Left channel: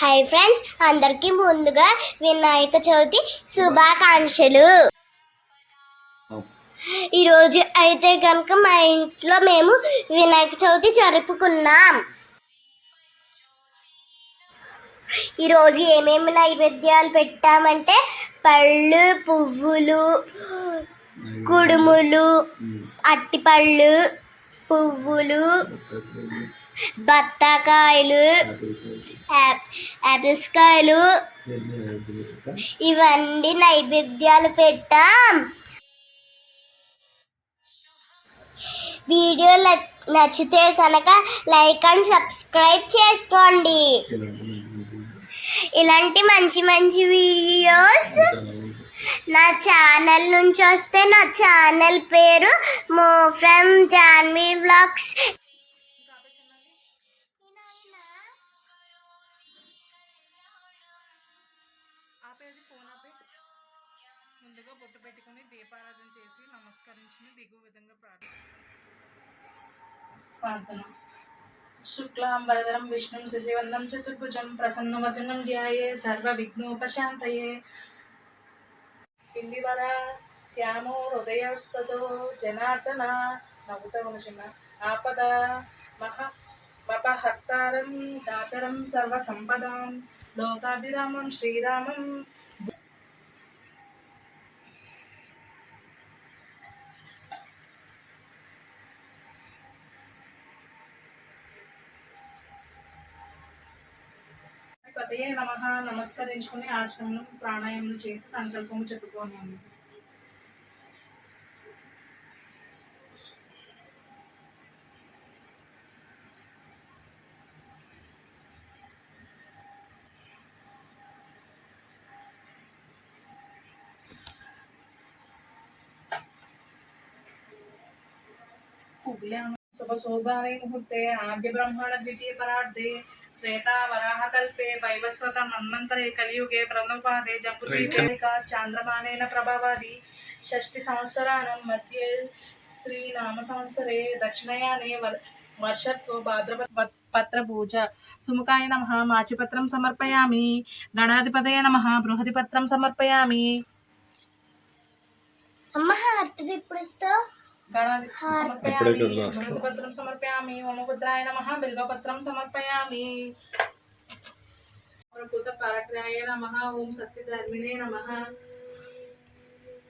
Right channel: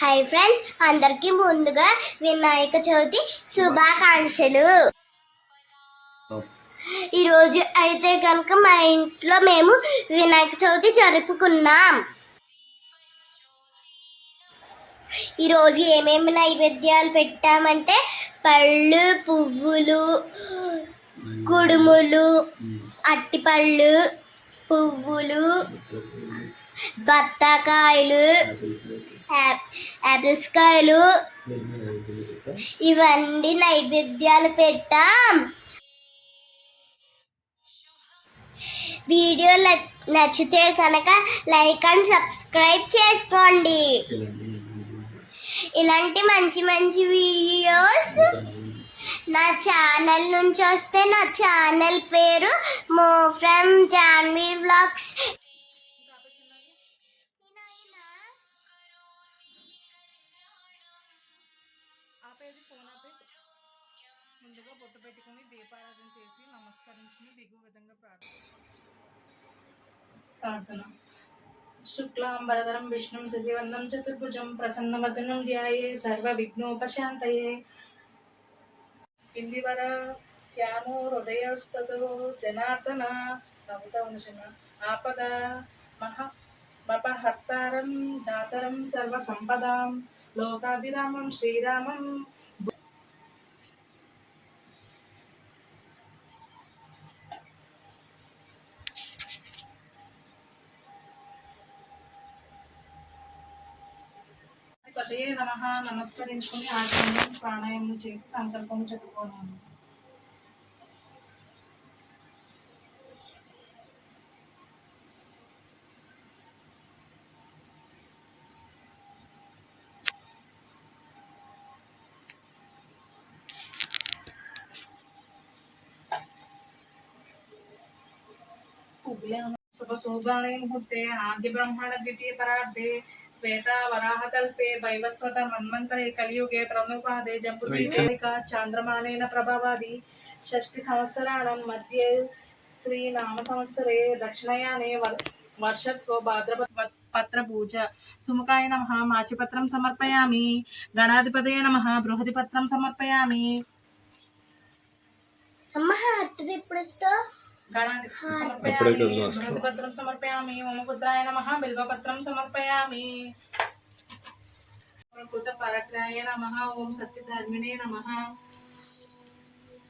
Hi friends, అందరికీ ముందుగా వినాయక చవితి శుభాకాంక్షలు. ఈరోజు అయితే కనుక మా ఇంట్లో మేము వినాయక చవితి జరుపుకున్నాం. ఈరోజు ఏమేమి నైవేద్యాలు పెట్టామంటే పళ్ళు, పువ్వులు, కుడుములు, అట్టిపళ్ళు, పువ్వులు, బత్తాకాయలు, యాపిల్స్ కాయలు, ఇవన్నీ నైవేద్యాలు పెట్టాం. వీడియో నచ్చితే కనుక లైక్ అండ్ సబ్స్క్రైబ్ చేసుకోండి. ఇలాంటి మంచి మంచి వీడియోస్ నా ఛానల్ నుంచి వస్తే, నా ఛానల్ పేరు మో ఫ్రమ్ జాన్వీ వ్లాగ్స్. ముందుగా బొట్టు పెట్టుకుని దీపారాధన చేసి నమస్కరించుకుని దిగువ విధంగా ప్రార్థన. శుక్లాంబరధరం విష్ణుం శశివర్ణం చతుర్భుజం ప్రసన్నవదనం ధ్యాయే సర్వ విఘ్నోపశాంతయే. ఇందివర శ్యామో హృదయస్తతో జనార్దన నవ్వుతా ఉన్న చిన్న ఆపద మపహర్తారం దాతరం సర్వ సంపదాం లోకాభిరామం శ్రీరామం. పతయే నమః నమస్కరించుకుని ఆచమనం ప్రాణాయామం చేసి సంకల్పము చెప్పుకోలేము. शुभ शोभाने मुहूर्ते आद्य ब्रह्मांड द्वितीय परार्धे श्वेता वराह कल्पे वैवस्वत मन्वन्तरे कलियुगे प्रणवपादे जम्बुद्वीपा चांद्रमानेन प्रभावादि षष्टि संवत्सराणां मध्ये श्री नाम संवत्सरे दक्षिणयाने वर्षत्व भाद्रपद पत्र पूजा. सुमुखाय नमः माचिपत्रं समर्पयामि. गणाधिपतये नमः बृहदिपत्रं समर्पयामि. गणाधिपत्रं समर्पयामि. ओमपुत्राय नमः बिल्वपत्रं समर्पयामि. प्रकृतपराक्रमाय नमः. ओम सत्यधर्मिणे नमः.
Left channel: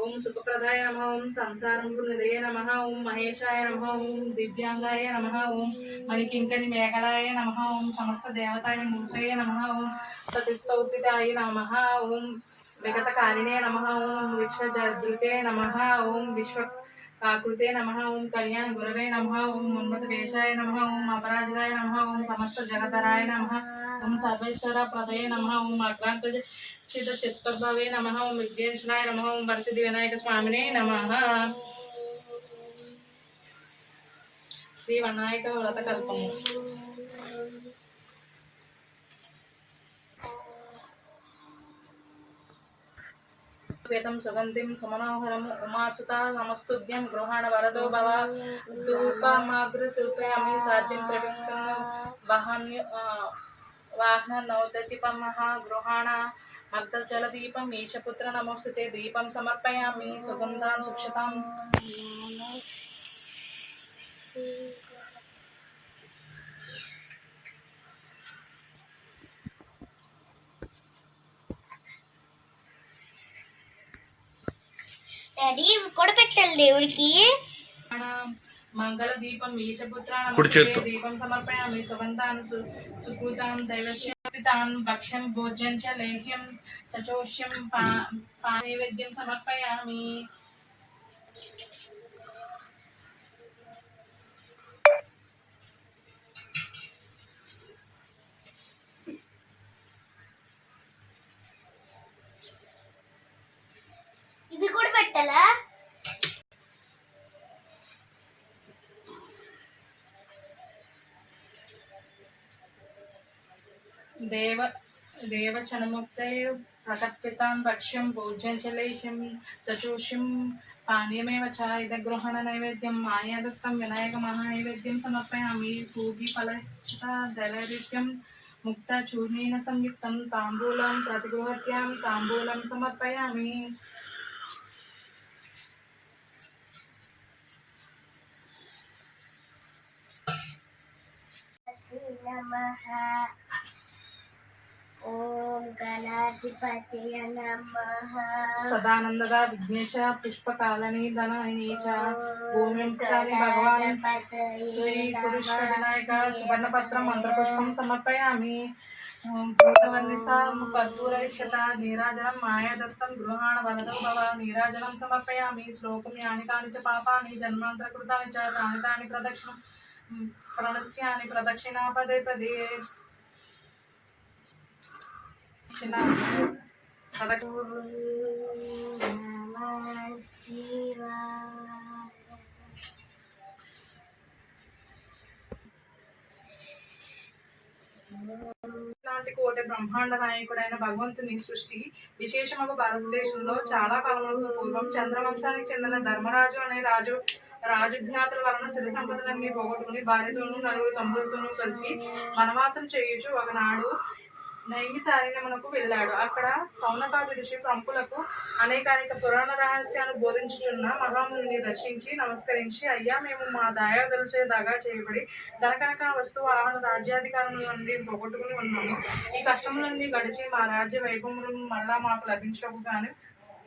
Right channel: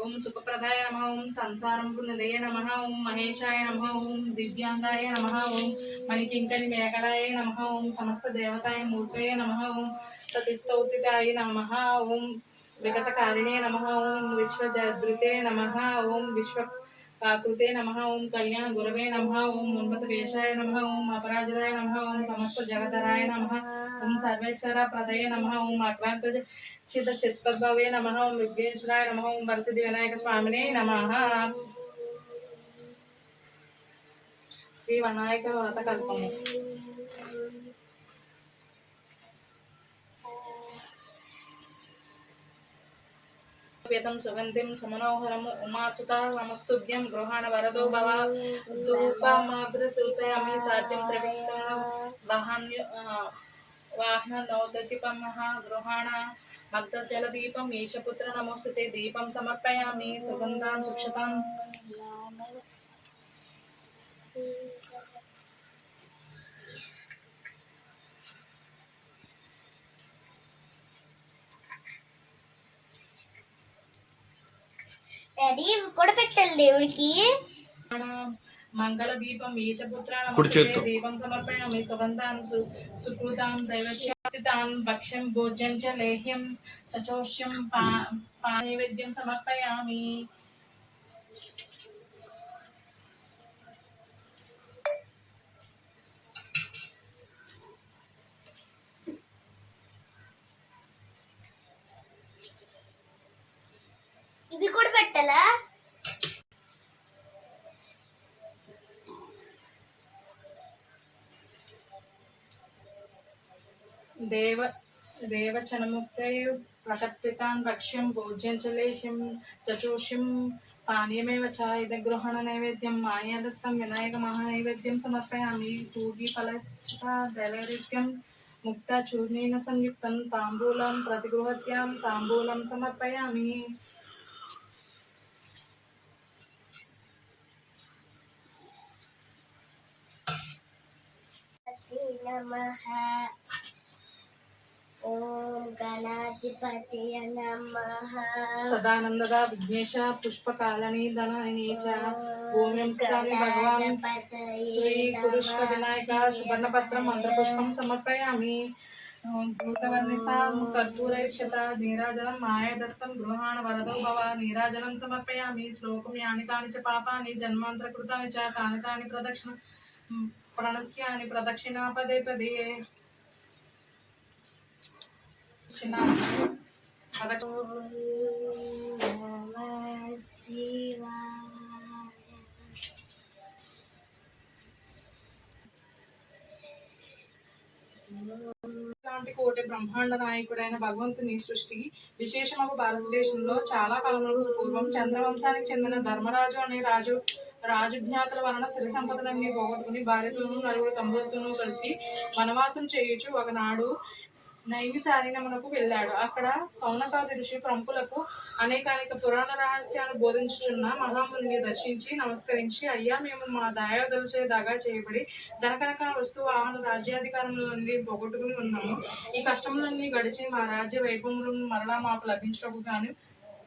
ओम सुखप्रदाय नमः. ओम संसारं पुनदये नमः. ओम महेशाय नमः. ओम दिव्यांगाय नमः. ओम मणिकिंकरी मेघलाय नमः. ओम समस्त देवताय मूर्तये नमः. ओम सतिस्तौतिताय नमः. ओम विगतकारिणे नमः. ओम विश्वजदृते नमः. ओम विश्व काकृते नमः. ओम कल्याण गुरवे नमः. ओम उन्मत वेशाय नमः. ओम अपराजिताय नमः. ओम समस्त जगधराय नमः. ओम सर्वेश्वर प्रदये नमः. ओम अक्रांत चित चित्तभवे नमः. ओम विघ्नेश्वराय नमः. ओम वरसिद्धि विनायक स्वामिने नमः. श्री विनायक व्रत कल्पము. वेदं सुगन्धिं समनोहरम् उमासुता नमस्तुभ्यं गृहाण वरदो भव. धूपमाग्रशिल्पयामि साज्यं त्रिविक्तं वाहन नवदतिपमः गृहाण मग्धजलदीपम् ईशपुत्र नमोस्तुते. दीपं समर्पयामि सुगन्धां सुक्षतां. డాడీ కూడా పెట్టాలి దేవుడికి. మంగళ దీపం ఈశపుత్ర దీపం సమర్పయామి. సుగంధాన్ సుకృతాం దైవశ్యాన్ భక్ష్యం భోజ్యం చ లేహ్యం చచోష్యం నైవేద్యం సమర్పయామి. ఇవి కూడా పెట్టాలా? देवचनमुक्तै प्रकटितान् भक्ष्यं भोज्यं च लेह्यं चचोष्यं पानीयमेव च इदग्रहण नैवेद्यं मायादत्तं विनायक महानैवेद्यं समर्पयामि. पूगीफलदलरित्यं ముక్తచూర్ణేన సంయుక్తం తాంబూలం ప్రతిగృహత్యాం తాంబూలం సమర్పయామి. నమః. ఓం గణాధిపతయ నమః. సదానందగా విఘ్నేశ పుష్పకాలని ధననీచ ఓం స్థాని భగవాన్ శ్రీ పురుష వినాయక సువర్ణపత్రం మంత్రపుష్పం సమర్పయామి. భూతవర్ణిస్తాం కర్పూరైష్యత నీరాజనం మాయాదత్తం గృహాణ వరదో భవ నీరాజనం సమర్పయామి. శ్లోకం యాని కాని చ పాపాని జన్మాంతరకృతాని చ తాని తాని ప్రణశ్యాని ప్రదక్షిణా పదే పదే. ఇలాంటి కోటి బ్రహ్మాండ నాయకుడైన భగవంతుని సృష్టి విశేషముగా భారతదేశంలో చాలా కాలములకు పూర్వం చంద్రవంశానికి చెందిన ధర్మరాజు అనే రాజుజ్ఞాతుల వలన సిరి సంపదలన్నీ పోగొట్టుకుని భార్యతోనూ నలుగురు తమ్ములతోనూ కలిసి వనవాసం చేయుచు ఒకనాడు నైమిసారణ్యమునకు వెళ్ళాడు. అక్కడ సౌనకాది ఋషి ప్రముఖులకు అనేక పురాణ రహస్యాలు బోధించుచున్న మహాముని దర్శించి నమస్కరించి, అయ్యా, మేము మా దాయాదులచే దగా చేయబడి ధనకనక వస్తువు ఆహార రాజ్యాధికారములన్నీ పోగొట్టుకుని ఉన్నాము. ఈ కష్టములన్నీ గడిచి మా రాజ్య వైభవములను మరలా మాకు లభించకు గాను.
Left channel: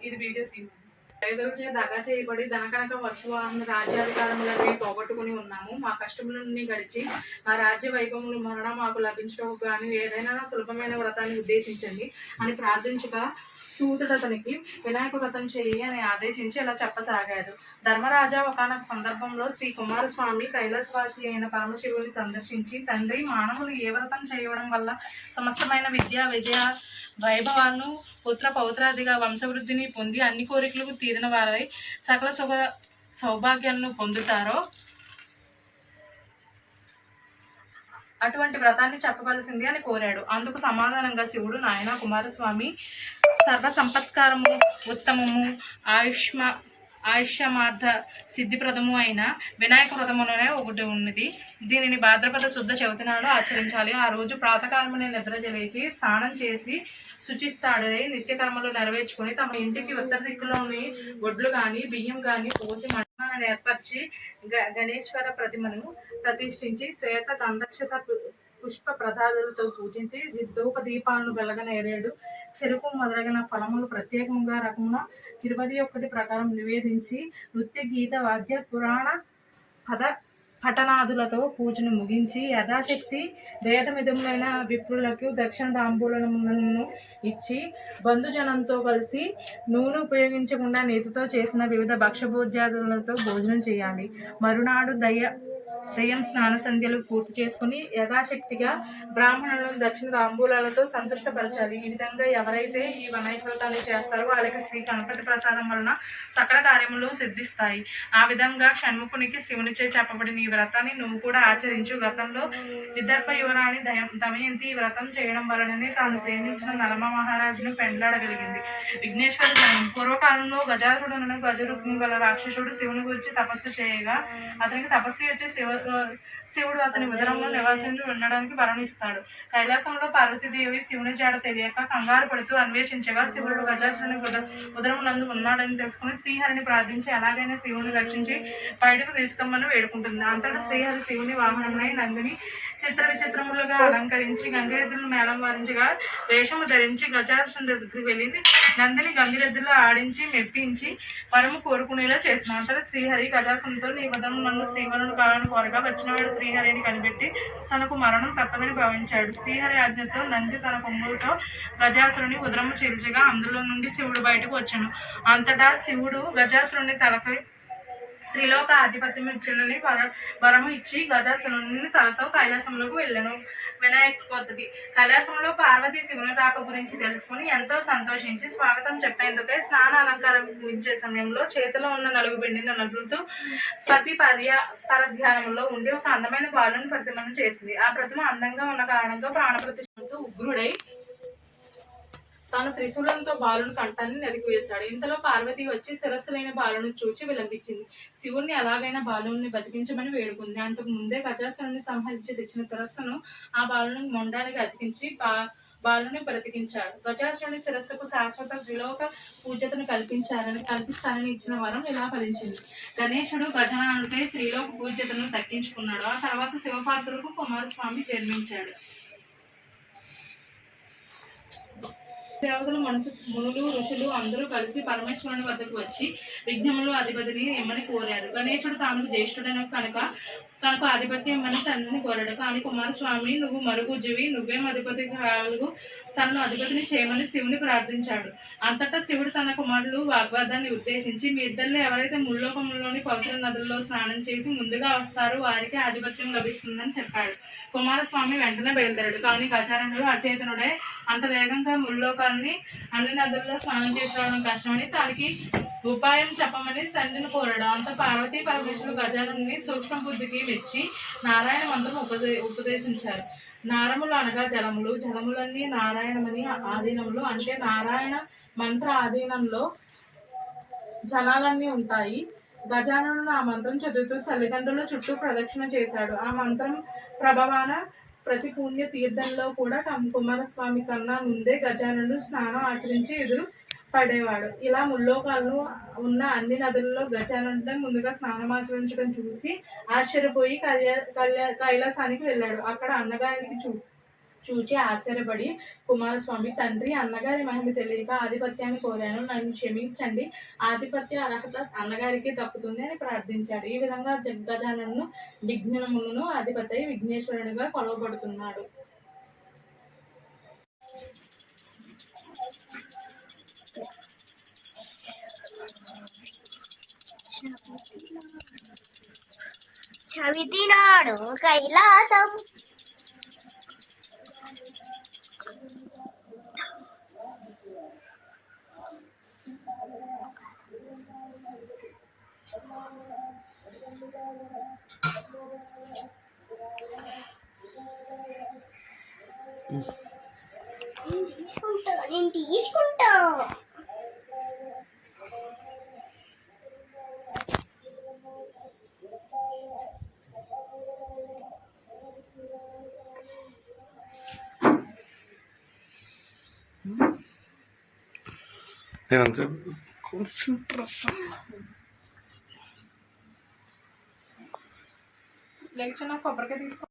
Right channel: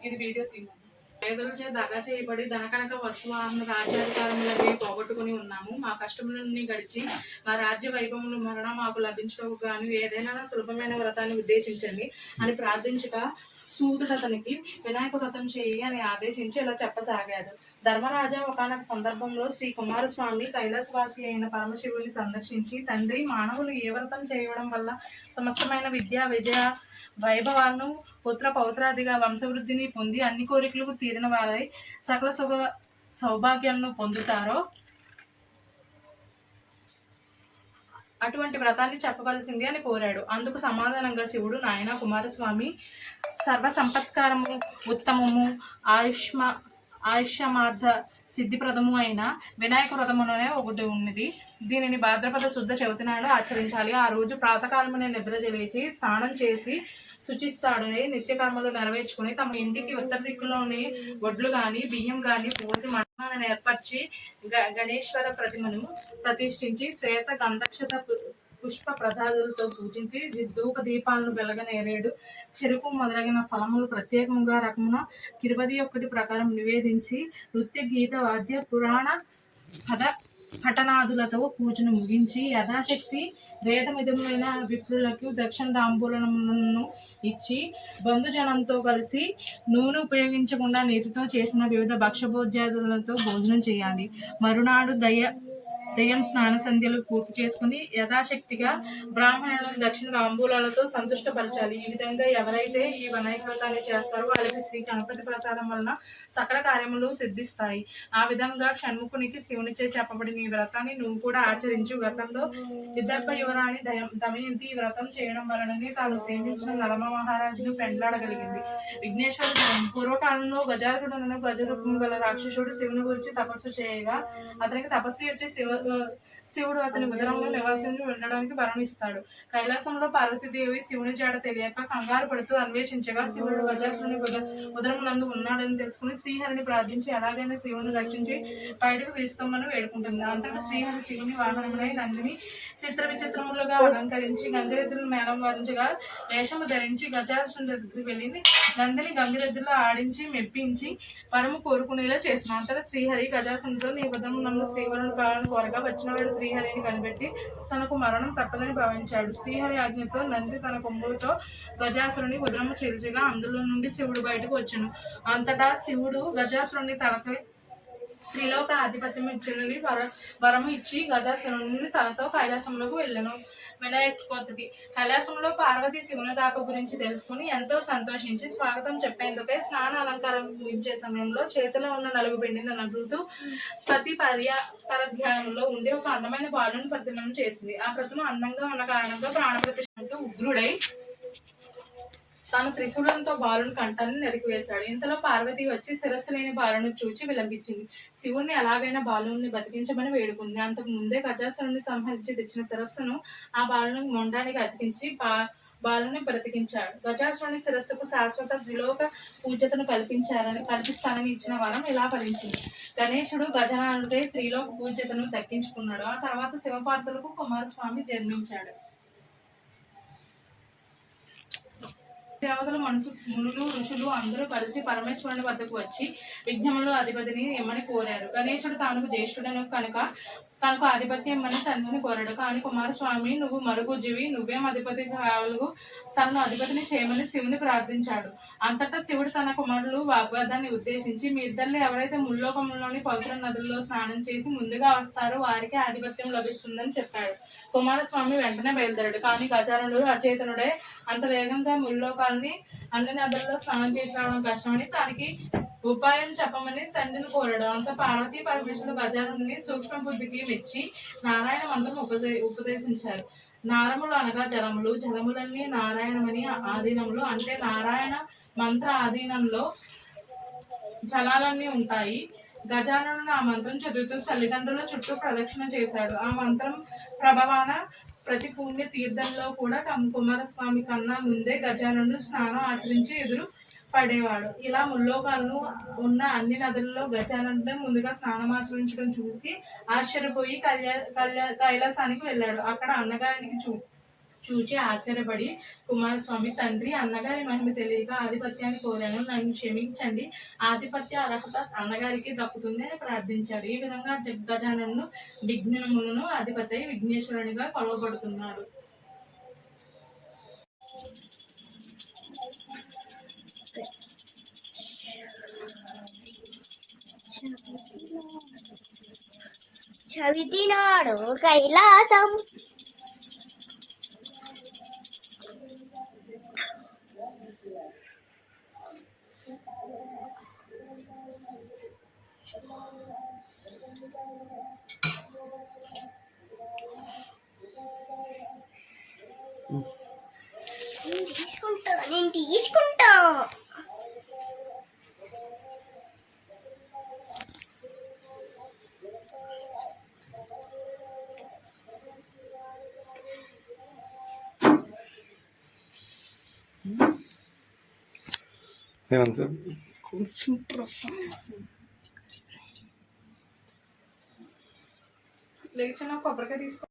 ఇది వీడియో తీయండి. దాయాదులచే దగా చేయబడి ధనకనక వస్తువు ఆహార రాజ్యాధికారములన్నీ పోగొట్టుకుని ఉన్నాము. మా కష్టములన్నీ గడిచి మా రాజ్య వైభవములు మరలా మాకు లభించకు గాను ఏదైనా సులభమైన వ్రతాన్ని ఉద్దేశించండి అని ప్రార్థించగా సూతుడు అతనికి వినాయక వ్రతం చేయి అని ఆదేశించి ఇలా చెప్పసాగాడు. ధర్మరాజా ఒకనొక సందర్భంలో శ్రీ కుమారస్వామి కైలాసవాసి అయిన పరమశివుని సందర్శించి, తండ్రి, మానవులు ఏ వ్రతం చేయడం వల్ల సమస్తమైన విద్యా విజయ వైభవాలను పుత్ర పౌత్రాదిగా వంశవృద్ధిని పొంది అన్ని కోరికలకు తీరిన వారై సకల సౌభాగ్యాలను పొందుతారో అటువంటి వ్రతాన్ని చెప్పవలసింది అని కోరాడు. అందుకు సమాధానంగా శివుడు, నాయన కుమారస్వామి, సర్వ సంపత్కారము ఉత్తమము ఆయుష్యమార్థ సిద్ధిప్రదము అయిన వినాయక వ్రతములోనే ఒకటి ఉన్నది. దీనిని భాద్రపద శుద్ధ చవితి నాడు ఆచరించాలి. ఆ రోజు ప్రాతకాలమునే నిద్ర లేచి స్నానం చేసి శుచిస్తాడై నిత్యకర్మలు నెరవేర్చుకుని తమ ఇంటికి ఉత్తర దిక్కులోని వడ్లు గాని బియ్యం గాని పోసి మండపాన్ని ఏర్పరిచి గణేశ్వర ప్రతిమను ప్రతిష్ఠించి శ్వేత గంధక్షత పుష్ప ప్రదాదులతో పూజించి ధూప దీపాలను వెలగనేరేడు చెరుకు మొదలగిన ఫలములు ప్రత్యేకంగా రకమున 21 ప్రకారం నివేదించి నృత్య గీత వాద్య పురాణ పద పఠనాదులతో పూజను ముగించి యథాశక్తి భేదమిదములైన విప్రులకు దక్షిణ తాంబూలములను ఇచ్చి బంధుజనంతో కలిసి నూనె ఉపయోగించకుండా నేతితో చేసిన వివిధ భక్ష్యభోజ్యాదులతో భోజనం చేయాలి. మరునాడు దయ్యం స్నాన సంధ్యలు పూర్తి చేసుకుని యథాశక్తిగా బ్రాహ్మణులను దక్షిణ తాంబూలాలతో సంతుష్టపరచాలి. ఈ విధంగా ఎవరైతే ఈ వినాయక వ్రతాన్ని చేస్తారో వాళ్ళకి శ్రీ గణపతి ప్రసాదం వలన సకల కార్యములు సిద్ధిస్తాయి. ఆ విధంగా షణ్ముఖునికి శివునిచే చెప్పబడిన ఈ వ్రతాన్ని నువ్వు కూడా ఆచరించు. గతంలో విదర్భ యువరాణి దమయంతి ఈ వ్రతం చేయడం వలననే తాను ప్రేమించిన నలమ మహారాజును పెండ్లాడగలిగింది. విఘ్నేశ్వర జయం. పూర్వకాలంలో గజాసురుడును గజరూపం గల రాక్షసుడు శివుని గురించి తపస్సు చేయగా అతనికి తపస్సు వచ్చి శివుడు అతని ఉదరంలో నివాసించి ఉండడానికి వరణిస్తాడు. కైలాసంలో పార్వతీదేవి శివుని జాడ తెలియక కంగారు పడుతూ అన్వేషించగా శివుడు గజాసురుని ఉదరమునందు ఉన్నాడని తెలుసుకుని శ్రీహరిని ప్రార్థించి ఎలాగైనా శివుని రక్షించి బయటకు తీసుకోమని వేడుకుంటుంది. అంతటా శ్రీహరి శివుని వాహనమై నందిని చిత్ర విచిత్రములుగా అలంకరించి గంగిరెద్దులను మేళం వారించగా వేషము ధరించి గజాసురుని దగ్గరికి వెళ్ళి నందిని గంగిరెద్దులో ఆడించి మెప్పించి వరము కోరుకునేలా చేసిన. అంతటా శ్రీహరి గజాసురునితో, నీ వదనం నన్ను శ్రీవరుని కాలని కోరగా వచ్చినవాడు శ్రీహరిని కనిపెట్టి తనకు మరణం తప్పదని భావించాడు. శ్రీహరి ఆజ్ఞతో నంది తన కొమ్ములతో గజాసురుని ఉదరము చీల్చగా అందులో నుండి శివుడు బయటకు వచ్చాను. అంతటా శివుడు గజాసురుని తలపై త్రిలోక ఆధిపత్యం ఇచ్చునని వరము ఇచ్చి గజాసురుని తనతో కైలాసంలోకి వెళ్ళాను. వినాయక పద్ధతి. కైలాసంలో పార్వతీ శివుని రాక గురించి తెలుసుకుని ఎంతో సంతోషించి స్వాగతం చెప్పేందుకై స్నాన అలంకారం ముగించే సమయంలో చేతిలో ఉన్న నలుగు పిండిని నలుగుతూ ప్రతి పరధ్యానంలో ఉండి ఒక అందమైన బాలుని ప్రతిమను చేసింది. ఆ ప్రతిమ అందంగా ఉన్న కారణంతో ప్రాణప్రతిష్ఠకు ఉగ్రుడై తాను త్రిశూలంతో బాలుని కంఠాన్ని నరికివేశాడు. ఇంతలో పార్వతి వచ్చి శిరస్సు లేని బాలుని చూచి విలంపించింది. శివుణ్ణి ఎలాగైనా బాలుని బతికించమని వేడుకుంది. అంతకు ముందే గజాసురుని సంహరించి తెచ్చిన శిరస్సును ఆ బాలుని మొండానికి అతికించి బాలుని బ్రతికించాడు. గజాసురుని శిరస్సుకు శాశ్వత త్రిలోక పూజ్యతను కల్పిస్తానని ఇచ్చిన వరం ఇలా ఫలించింది. గణేశుడు గజాననుడిపై త్రిలోక పూజ్యతను దక్కించుకున్నాడు. ఆ తర్వాత శివపార్వతులకు కుమారస్వామి జన్మించాడు. దేవతలు మునులు ఋషులు అందరూ కలిసి పరమేశ్వరుని వద్దకు వచ్చి విఘ్నములు అధిపతిని ఇమ్మని కోరారు. గణేశుడు తాను జ్యేష్ఠుడను కనుక తనకు ఆధిపత్యం ఇమ్మని తండ్రిని కోరాడు. కానీ కుమారస్వామి, నువ్వు మరుగుజ్జువి, నువ్వేం అధిపతి కాగలవు, తనను అధిపతిని చేయమని శివుని ప్రార్థించాడు. అంతటా శివుడు తన కుమారులు వాగ్వాదాన్ని ఉద్దేశించి, మీ ఇద్దరిలో ఎవరైతే ముల్లోకంలోని పవిత్ర నదుల్లో స్నానం చేసి ముందుగా వస్తారో వారికి ఆధిపత్యం లభిస్తుందని చెప్పాడు. కుమారస్వామి వెంటనే బయలుదేరాడు. కానీ గజాననుడు అచేతనుడై అంత వేగంగా ముల్లోకాలని అన్ని నదుల్లో స్నానం చేసి రావడం కష్టమని దానికి ఉపాయం చెప్పమని తండ్రిని కోరాడు. అంత పార్వతీ పరమేశ్వరుడు గజానుడిని సూక్ష్మ బుద్ధికి మెచ్చి నారాయణ మంత్రం ఉపదేశించారు. నారములు అనగా జలములు, జలములన్నీ నారాయణమని ఆధీనములు, అంటే నారాయణ మంత్ర ఆధీనంలో జలాలన్నీ ఉంటాయి. గజాననుడు ఆ మంత్రం చదువుతూ తల్లిదండ్రుల చుట్టూ ప్రదక్షిణ చేశాడు. ఆ మంత్రం ప్రభావాన ప్రతి పుణ్య తీర్థంలో కూడా కుమారస్వామి కన్నా ముందే గజాననుడు స్నానం ఆచరించి ఎదురు పడేవాడు. ఇలా ముల్లోకాలను ఉన్న అన్ని నదులలో గజాననుడు ముందుగా స్నానం ఆచరించడం చూసి ఆశ్చర్యపోయి కైలాసానికి వెళ్ళాడు. అక్కడ అన్నగారికి చూచి ఆశ్చర్యపడి, కుమారస్వామి, తండ్రి, అన్నగారి మహిమ తెలియక ఆధిపత్యాన్ని కోరాను, నన్ను క్షమించండి, ఆధిపత్య అర్హత అన్నగారికి దక్కుతుంది అని ప్రార్థించాడు. ఈ విధంగా గజాననుడు విఘ్నములను అధిపతి విఘ్నేశ్వరునిగా కొలవబడుతున్నాడు. చవితినాడు కైలాసం నేను తీసుకుంటా. నేనంతే కొంచెం లేచిన కొబ్బరికాయ తీసుకో.